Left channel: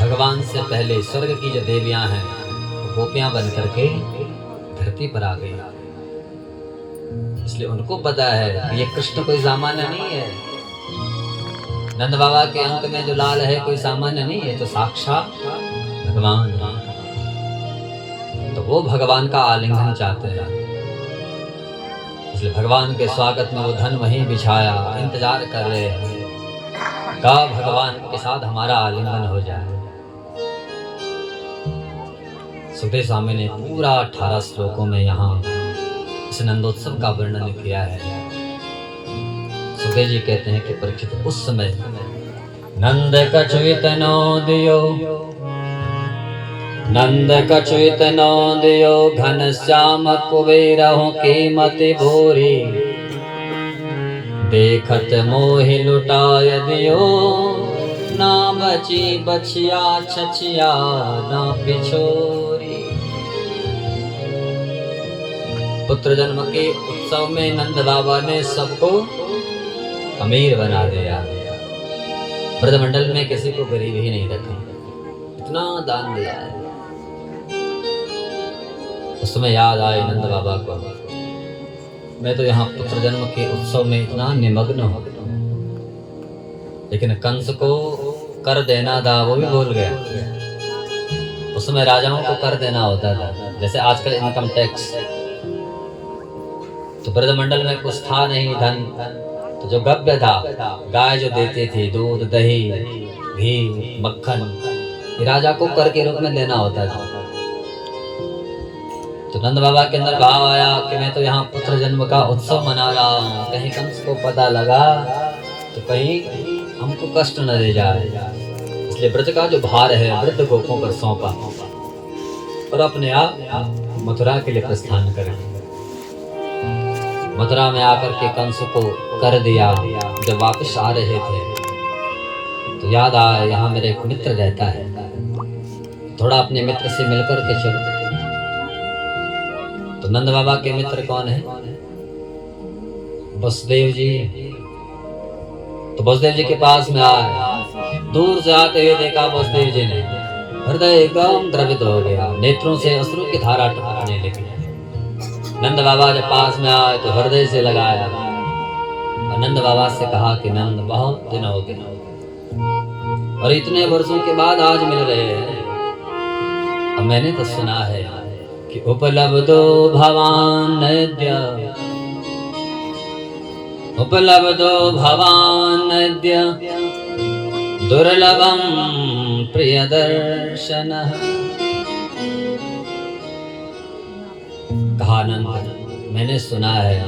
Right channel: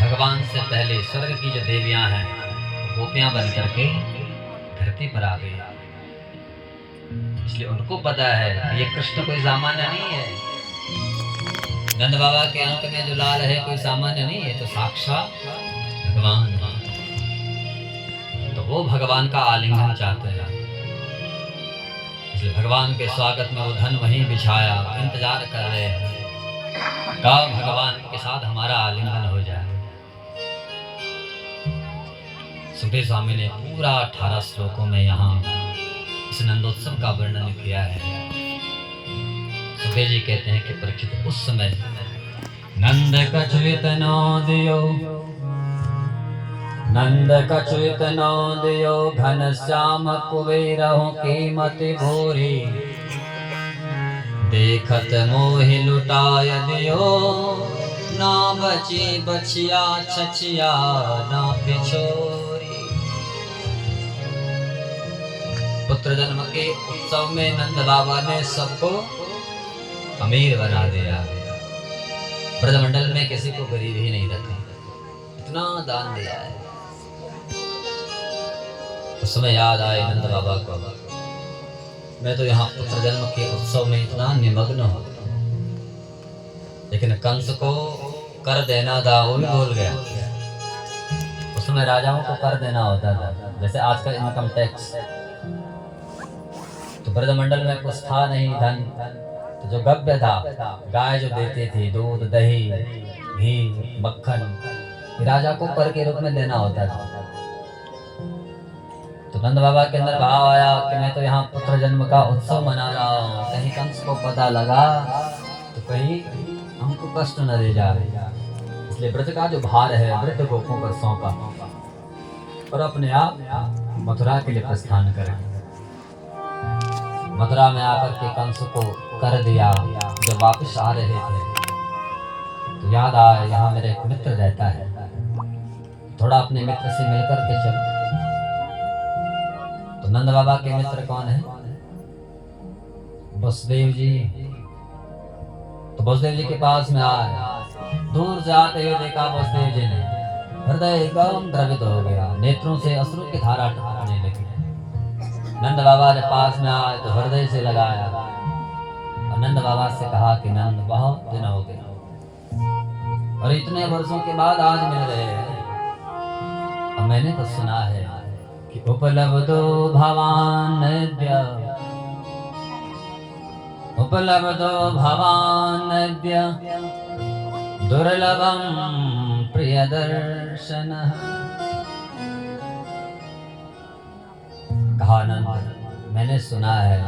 भगवान से पहले स्वर्ग की जो देवियां हैं गोपियां बन करके धरती पर आ गई, इसलिए उनको पता है कि ये कृष्ण कोई सामान्य नहीं है। नंद बाबा के अंक में जो लाल है कोई सामान्य नहीं है, तो साक्षात भगवान। तो वो भगवान का आलिंगन चाहते हैं, इसलिए भगवान के स्वागत में वो धन वहीं बिछाया, इंतजार कर रहे हैं का भगवान के साथ हमारा आलिंगन हो जाए। सुखदेव स्वामी ने पूरा 18 श्लोकों में यहाँ इस नंदोत्सव का वर्णन किया है। सुखदेव जी कहते हैं कि परीक्षित उस समय नंद कछुत नो दियो नंद कछु इतनो दियो घनश्याम कुबेरहु की मति भूरी देखत मोहि लुटाय दियो ना बची बछिया छछिया ना पिछोरी। पुत्र जन्म के उत्सव में नंद बाबा ने सबको अमीर बना दिया। ब्रजमंडल में किसी को गरीब ही नहीं रखा, इतना दान दिया है। उस समय याद आए नंद बाबा को, मैं तो यहाँ पुत्र जन्म के उत्सव में इतना निमग्न हूँ, लेकिन कंस को कर देना था वो भी भूल गया। उस समय राजाओं को कर देना होता था, जैसे आजकल इनकम टैक्स। तो ब्रजमंडल में कुछ था नहीं धन, तो जो गव्य था, गाय जो देती थी दूध दही घी मक्खन, ये राजा को कर के रूप में देना होता था। तो नंद बाबा के अंदर भाव आया कि मैं तो यहाँ पुत्र जन्म का उत्सव मना रहा हूँ, कहीं कंस को पता लगा तो कहीं हमको कष्ट न दे जाए। इसलिए ब्रज का जो भार है वृद्ध गोपों पर सौंपा और अपने आप मथुरा के लिए प्रस्थान कर गए। मथुरा में आकर के कंस को कर दिया। जब वापस आ रहे थे तो याद आया यहाँ मेरे एक मित्र रहता है, थोड़ा अपने मित्र से मिलकर के चलो। तो नंद बाबा के मित्र कौन है? वसुदेव जी। तो वसुदेव जी के पास में आए, दूर से आते हुए देखा वसुदेव जी ने, हृदय एकदम द्रवित हो गया, नेत्रों से अश्रु की धारा टपकने लगी। नंद बाबा जब पास में आए तो हृदय से लगाया और नंद बाबा से कहा कि नंद बहुत दिन हो गए और इतने वर्षों के बाद आज मिल रहे हैं। और मैंने तो सुना है कि उपलब्धो भवानद्य दुर्लभम प्रिय दर्शन। कहा नंद मैंने सुना है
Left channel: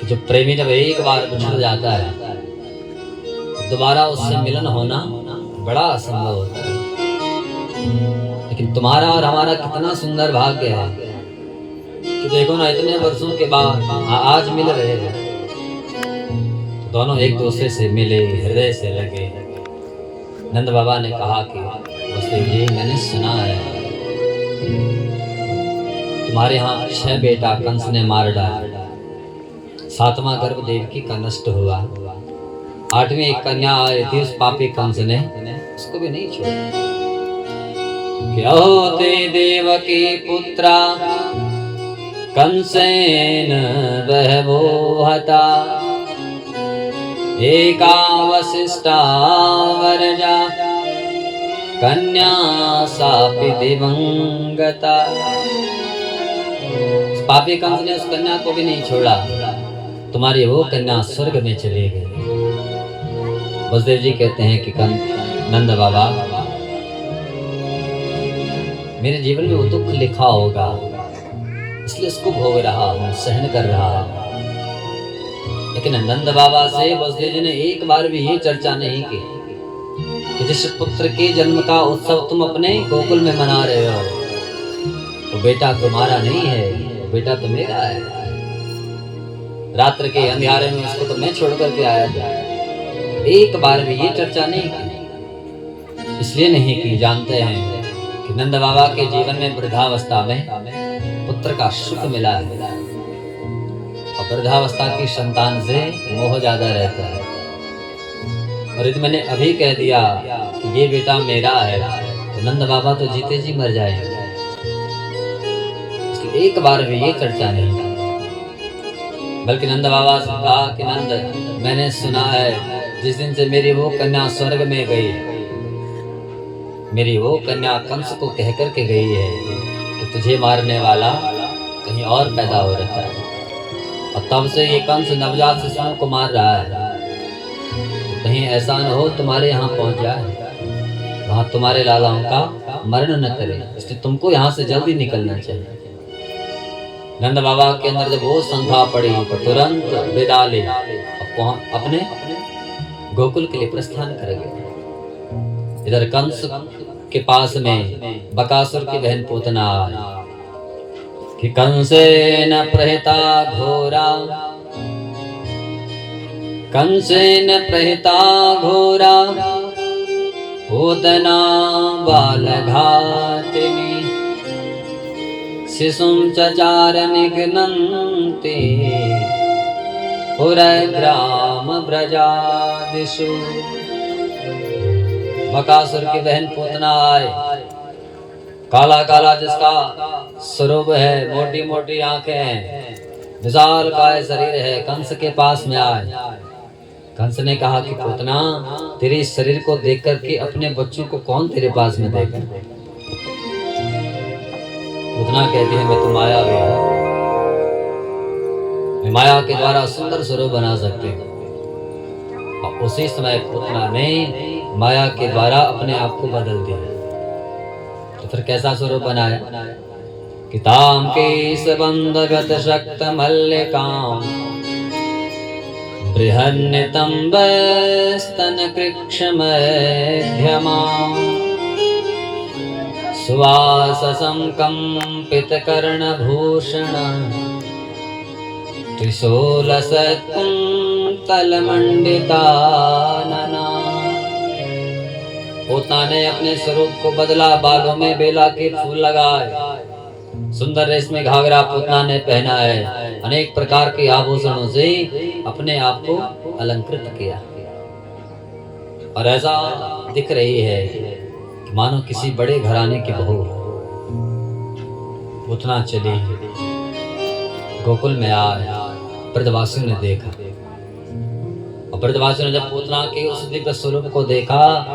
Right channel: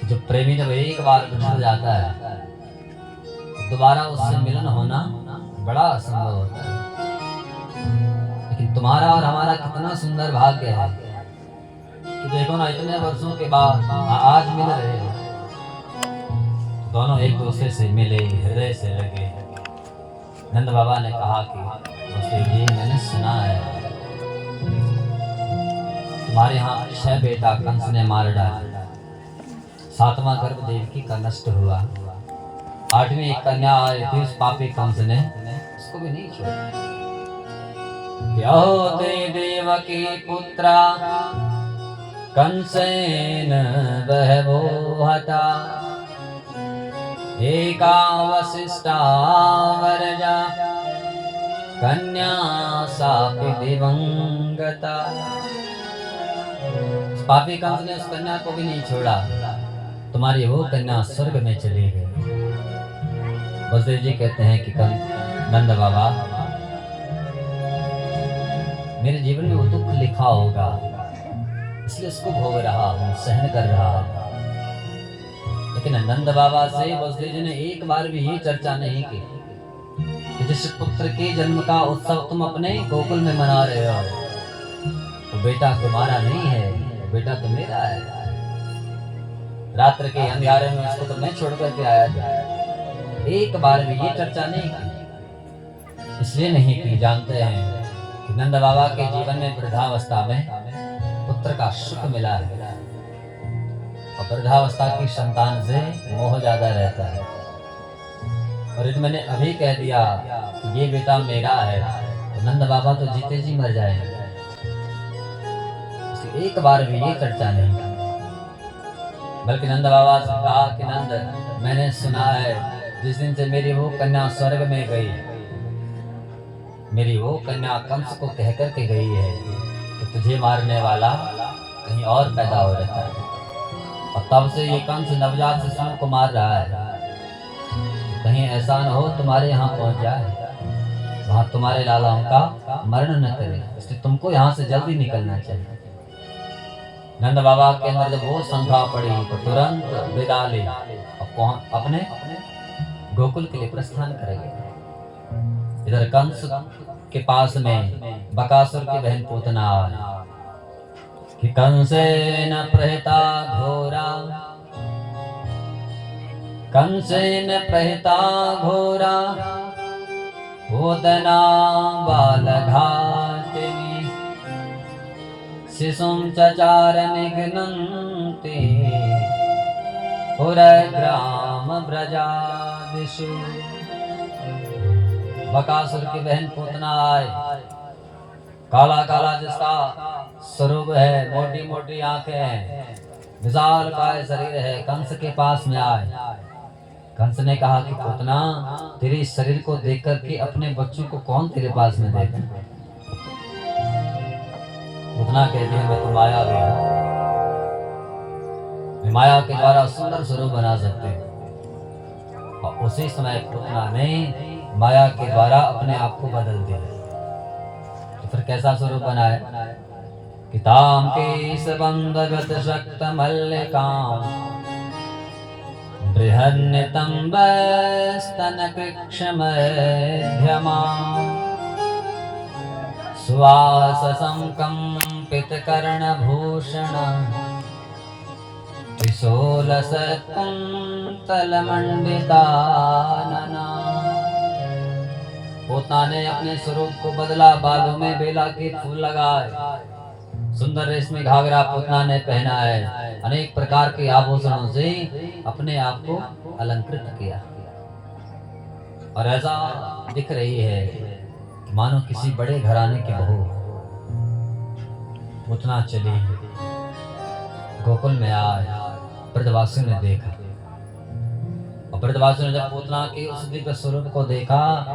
कि जो प्रेमी जब एक बार बिछड़ जाता है दोबारा उससे मिलन होना बड़ा असंभव होता है। लेकिन तुम्हारा और हमारा कितना सुंदर भाग्य है कि देखो ना, इतने वर्षों के बाद आज मिल रहे हैं। दोनों एक दूसरे से मिले, हृदय से लगे। नंद बाबा ने कहा कि वसुदेव जी मैंने सुना है तुम्हारे यहाँ 6 बेटा कंस ने मार डाला, 7वां गर्भ देवकी का नष्ट हुआ, 8वीं एक कन्या आई थी, उस पापी कंस ने उसको भी नहीं छोड़ा। क्या होते देवकी पुत्रा कंसेन बहवो हता, एका वसिष्ठा वरजा कन्या सापि दिवंगता। पापी कंस ने उस कन्या को भी नहीं छोड़ा, तुम्हारी वो कन्या स्वर्ग में चली गई। वसुदेव जी कहते हैं कि नंद बाबा मेरे जीवन में वो दुख लिखा होगा, इसलिए उसको भोग रहा हूँ, सहन कर रहा हूँ। लेकिन नंद बाबा से वसुदेव जी ने एक बार भी ये चर्चा नहीं की कि जिस पुत्र के जन्म का उत्सव तुम अपने गोकुल में मना रहे हो तो बेटा तुम्हारा नहीं है, वो बेटा तो मेरा है। रात्र के अंधेरे में उसको तो मैं छोड़ करके आया था। एक बार भी ये चर्चा नहीं की। इसलिए नहीं की, जानते हैं कि नंद बाबा के जीवन में वृद्धावस्था में पुत्र का सुख मिला है और वृद्धावस्था की संतान से मोह ज्यादा रहता है। और यदि मैंने अभी कह दिया कि ये बेटा मेरा है तो नंद बाबा तो जीते जी मर जाएंगे। इसलिए एक बार भी ये चर्चा नहीं की, बल्कि नंद बाबा से कहा कि नंद मैंने सुना है जिस दिन से मेरी वो कन्या स्वर्ग में गई, मेरी वो कन्या कंस को कह कर के गई है कि तुझे मारने वाला कहीं और पैदा हो रखा है, और तब से ये कंस नवजात शिशुओं को मार रहा है। तो कहीं ऐसा न हो तुम्हारे यहाँ पहुंच जाए, वहां तुम्हारे लालाओं का मरण न करे, इसलिए तुमको यहाँ से जल्दी निकलना चाहिए। नंद बाबा के अंदर जब वो शंका पड़ी तो तुरंत विदा ले अपने गोकुल के लिए प्रस्थान कर गए। इधर कंस के पास में बकासुर की बहन पूतना आई कि कंसेन प्रहिता घोरा, कंसेन प्रहिता घोरा पूतना बालघातिनी शिशुं चचार निघ्नन्ति पुरग्राम ब्रजादिषु। बकासुर की बहन पूतना आए, काला काला जिसका स्वरूप है, मोटी मोटी आंखें हैं, विशाल काय शरीर है, कंस के पास में आए। कंस ने कहा कि पूतना, तेरे इस शरीर को देख करके अपने बच्चों को कौन तेरे पास में देगा? पूतना कहती है मैं तो माया भी हूं, मैं माया के द्वारा सुंदर स्वरूप बना सकती हूँ। और उसी समय पूतना ने माया के द्वारा अपने आप को बदल दिया। तो फिर कैसा स्वरूप बनाया कि ताम के सबंधगत शक्त मल्लिकाम बृहन्नितंब स्तन कृक्षमध्यमा सुवाससं कंपित कर्णभूषण त्रिशूलसत्कुंतलमंडितानना। पूतना ने अपने स्वरूप को बदला, बालों में बेला के फूल लगाए, सुंदर रेशमी घाघरा पूतना ने पहना है, अनेक प्रकार के आभूषणों से अपने आप को अलंकृत किया और ऐसा दिख रही है कि मानो किसी बड़े घराने की बहू। पूतना चली, गोकुल में आया, ब्रजवासियों ने देखा और ब्रजवासियों ने जब पूतना के उस दिव्य स्वरूप को देखा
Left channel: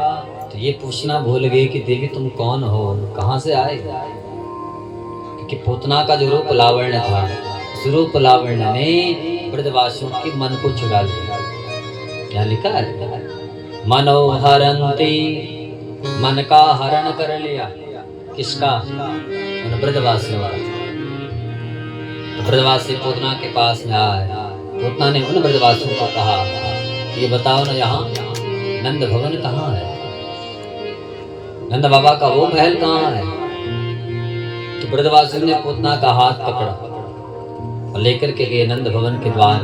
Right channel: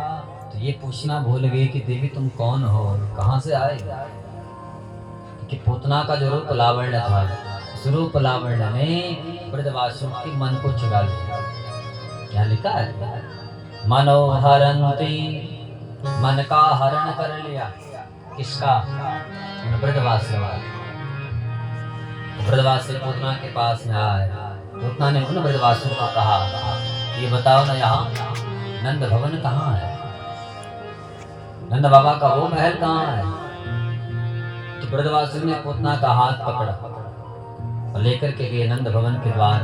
तो ये पूछना भूल गई कि देवी तुम कौन हो, कहां से आए? क्योंकि पूतना का जो रूप लावण्य था, उस रूप लावण्य ने ब्रजवासियों के मन को चुरा लिया। क्या लिखा है? मनोहरंती, मन का हरण कर लिया। किसका? ब्रजवासियों का। ब्रजवासी पूतना के पास में आए। पूतना ने उन ब्रजवासियों को कहा ये बताओ ना, यहाँ नंद भवन कहाँ है? नंद बाबा का वो महल कहाँ है? तो ब्रजवासियों ने पूतना का हाथ पकड़ा और लेकर के गए नंद भवन के द्वार।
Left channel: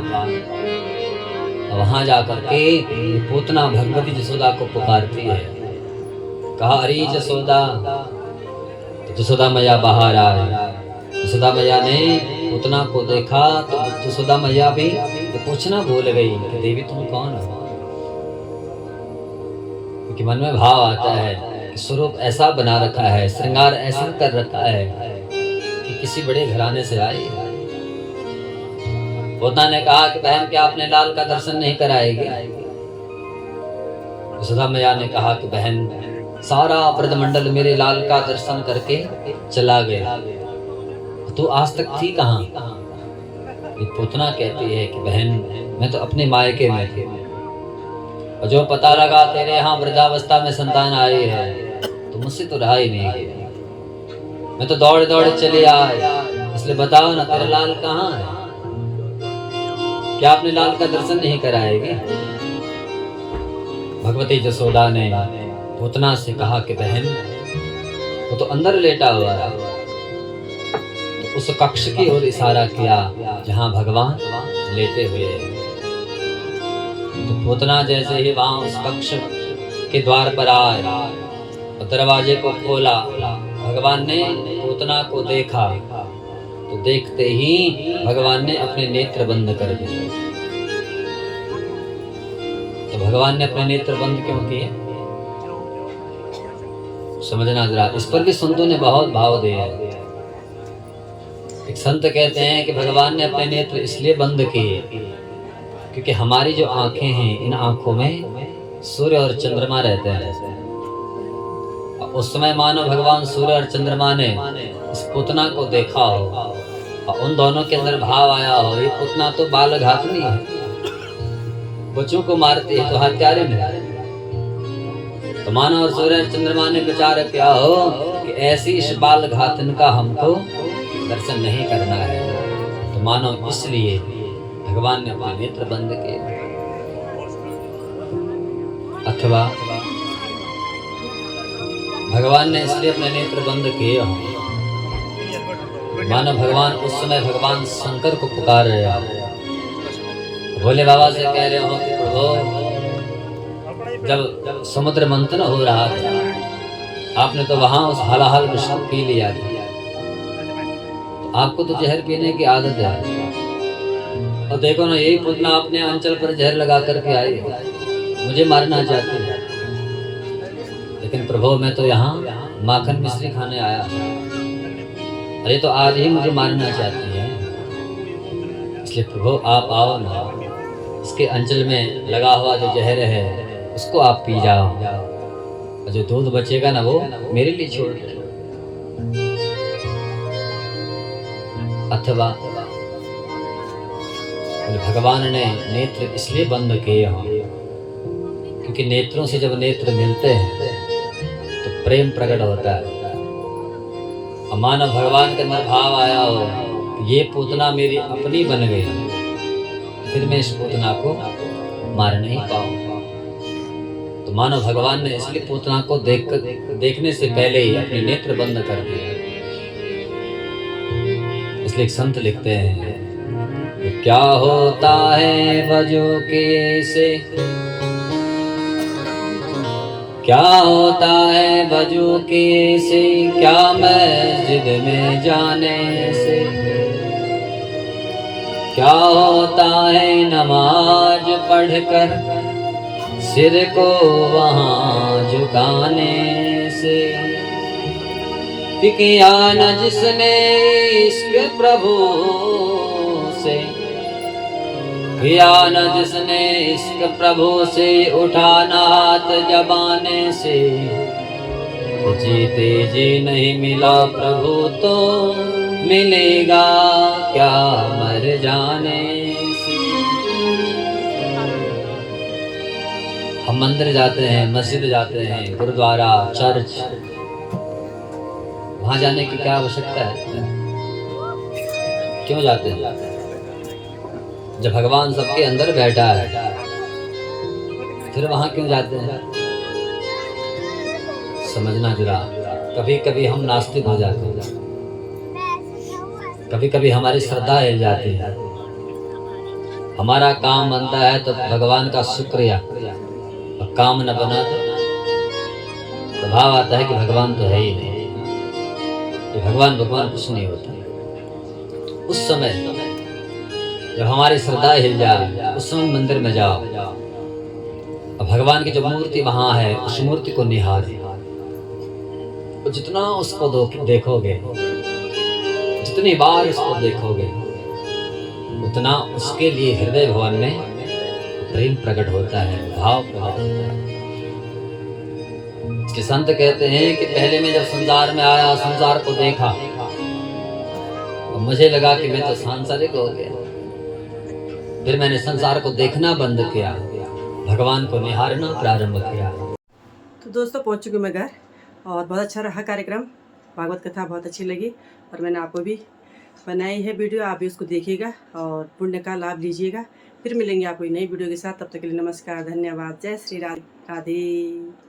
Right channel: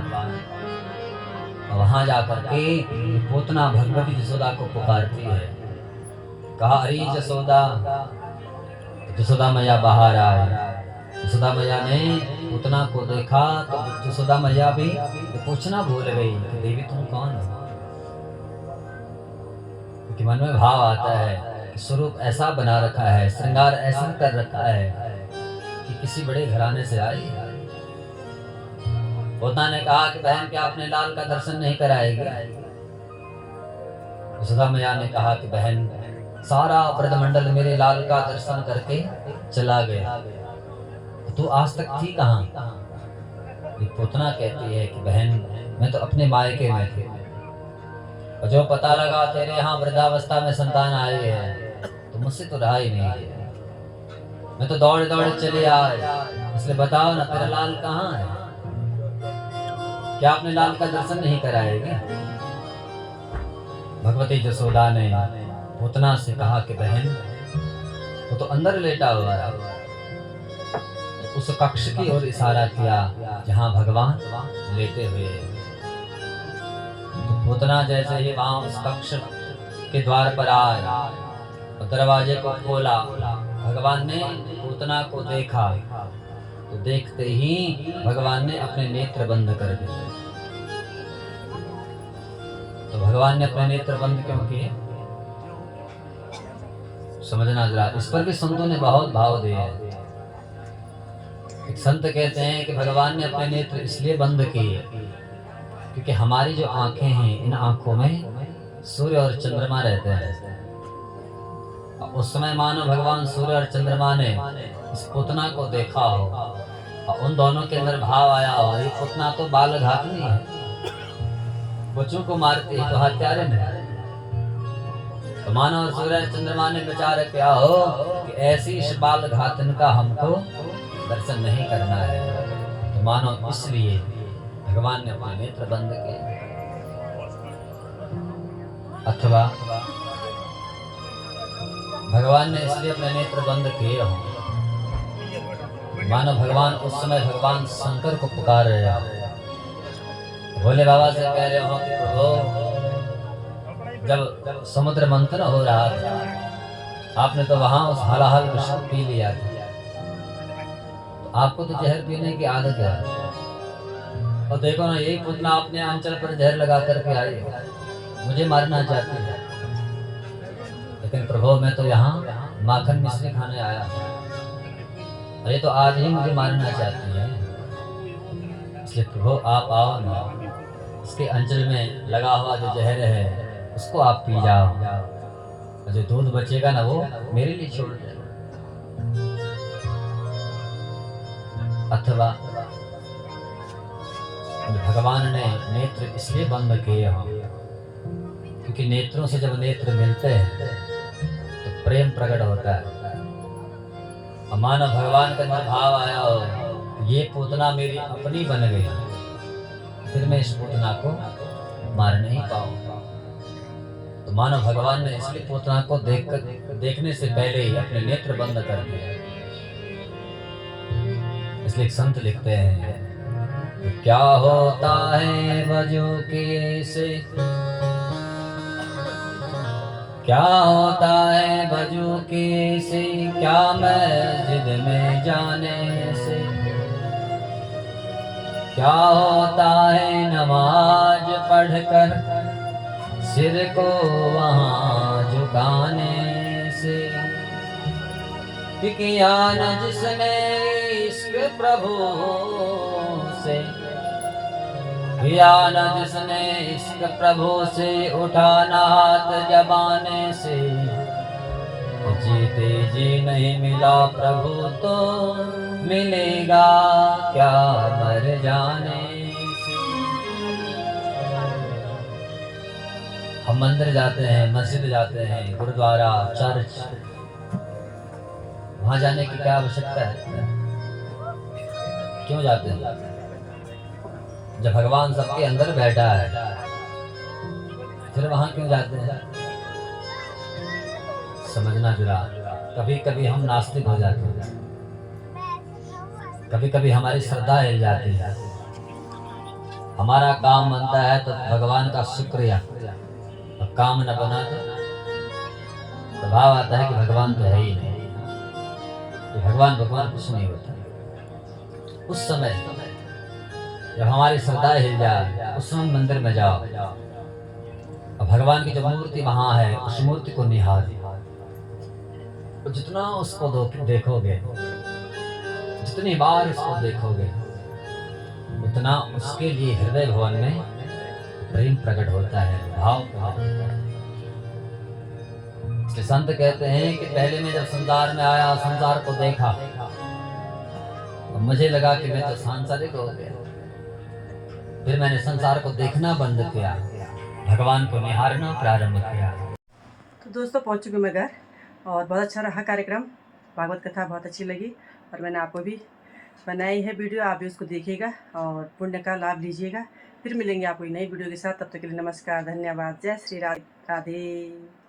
वहां जाकर के पूतना भगवती जसोदा को पुकारती है। कहा अरे जसोदा। तो जसोदा मैया बाहर आई। जसोदा मैया ने पूतना को देखा तो जसोदा मैया भी पूछना भूल गई कि देवी तुम कौन हो? क्योंकि मन में भाव आता है कि स्वरूप ऐसा बना रखा है, श्रृंगार ऐसा कर रखा है कि किसी बड़े घराने से आई। पूतना ने कहा कि बहन क्या अपने लाल का दर्शन नहीं कराएगी? जसोदा मैया ने कहा कि बहन सारा ब्रजमंडल मेरे लाल का दर्शन करके चला गया, तो आज तक थी कहाँ? पूतना कहती है कि बहन मैं तो अपने मायके में थी और जो पता लगा तेरे यहाँ वृद्धावस्था में संतान आई है तो मुझसे तो रहा ही नहीं गया। मैं तो दौड़ दौड़ चले आए, इसलिए बताओ ना तेरा लाल कहाँ है? क्या अपने लाल का दर्शन नहीं कराएगी? भगवती जसोदा ने पूतना से कहा कि बहन वो तो अंदर लेटा हुआ है। तो उस कक्ष की ओर इशारा किया जहां भगवान लेटे हुए हैं। तो पूतना जैसे ही वहां उस कक्ष के द्वार पर आया और दरवाजे को खोला, भगवान ने पूतना को देखा तो देखते ही भगवान ने अपने नेत्र बंद कर दिए। तो भगवान ने अपने नेत्र बंद क्यों किए? समझना जरा, इस पर भी संतों ने बहुत भाव दिए हैं। एक संत कहते हैं कि भगवान ने अपने नेत्र इसलिए बंद किए क्योंकि हमारी जो आंखें हैं, इन आंखों में सूर्य और चंद्रमा रहते हैं। उस समय मानो भगवान सूर्य और चंद्रमा ने इस पूतना को देखा हो और उन दोनों के अंदर भाव आया हो ये पूतना तो बाल घातनी है, बच्चों को मारती है, तो हत्यारे नहीं। तो मानो और सूर्य चंद्रमा ने विचार किया हो कि ऐसी इस बाल घातन का हमको दर्शन नहीं करना है, तो मानो इसलिए भगवान ने अपने नेत्र बंद किए। अथवा भगवान ने इसलिए अपने नेत्र बंद किए हों, मानो भगवान उस समय भगवान शंकर को पुकार रहे हो, भोले बाबा से कह रहे हो कि प्रभु, जब समुद्र मंथन हो रहा था, आपने तो वहां उस हलाहल विष को पी लिया था। आपको तो जहर पीने की आदत है, और देखो ना, यही पुतना अपने अंचल पर जहर लगा करके आए, मुझे मारना चाहते हैं। लेकिन प्रभु, मैं तो यहाँ माखन मिश्री खाने आया, अरे तो आज ही मुझे मारना चाहती है। इसलिए प्रभु आप आओ ना, इसके अंचल में लगा हुआ जो जहर है उसको आप पी जाओ, और जो दूध बचेगा ना वो मेरे लिए छोड़ दो। अथवा भगवान ने नेत्र इसलिए बंद किए हों क्योंकि नेत्रों से जब नेत्र मिलते हैं तो प्रेम प्रकट होता है। मानो भगवान के अंदर भाव आया हो, ये पूतना मेरी अपनी बन गई, फिर मैं इस पूतना को मार नहीं पाऊंगा। तो मानो भगवान ने इसलिए पूतना को देखने से पहले ही अपने नेत्र बंद कर दिया। इसलिए संत लिखते हैं, क्या होता है वजो के से, क्या होता है वजू के से, क्या मस्जिद में जाने से, क्या होता है नमाज पढ़कर सिर को वहाँ झुकाने से। किया न जिसने इश्क प्रभु से, किया न जिसने इश्क प्रभु से, उठाना हाथ जबाने से, जीते जी नहीं मिला प्रभु तो मिलेगा क्या मर जाने से। हम मंदिर जाते हैं, मस्जिद जाते हैं, गुरुद्वारा, चर्च, वहां जाने की क्या आवश्यकता है? क्यों जाते हैं? जब भगवान सबके अंदर बैठा है, फिर वहां क्यों जाते हैं? समझना जरा, कभी कभी हम नास्तिक हो जाते हैं, कभी कभी हमारी श्रद्धा हिल जाती है, हमारा काम बनता है तो भगवान का शुक्रिया, और काम न बना तो भाव आता है कि भगवान तो है ही नहीं, भगवान कुछ नहीं होता। उस समय जब हमारी श्रद्धा हिल जाए, उस समय मंदिर में जाओ, और भगवान की जो मूर्ति वहां है उस मूर्ति को निहारो। तो जितना उसको देखोगे, जितनी बार उसको देखोगे, उतना उसके लिए हृदय भवन में प्रेम प्रकट होता है, भाव प्रकट होता है। संत कहते हैं कि पहले मैं जब संसार में आया, संसार को देखा, और मुझे लगा कि मैं तो सांसारिक हो गया। फिर मैंने संसार को देखना बंद किया, भगवान को निहारना प्रारंभ किया। तो दोस्तों, पहुंच चुकी मैं घर, और बहुत अच्छा रहा कार्यक्रम, भागवत कथा बहुत अच्छी लगी, और मैंने आपको भी बनाई है वीडियो, आप भी उसको देखिएगा और पुण्य का लाभ लीजिएगा। फिर मिलेंगे आपको नई वीडियो के साथ, तब तक के लिए नमस्कार, धन्यवाद, जय श्री राधे।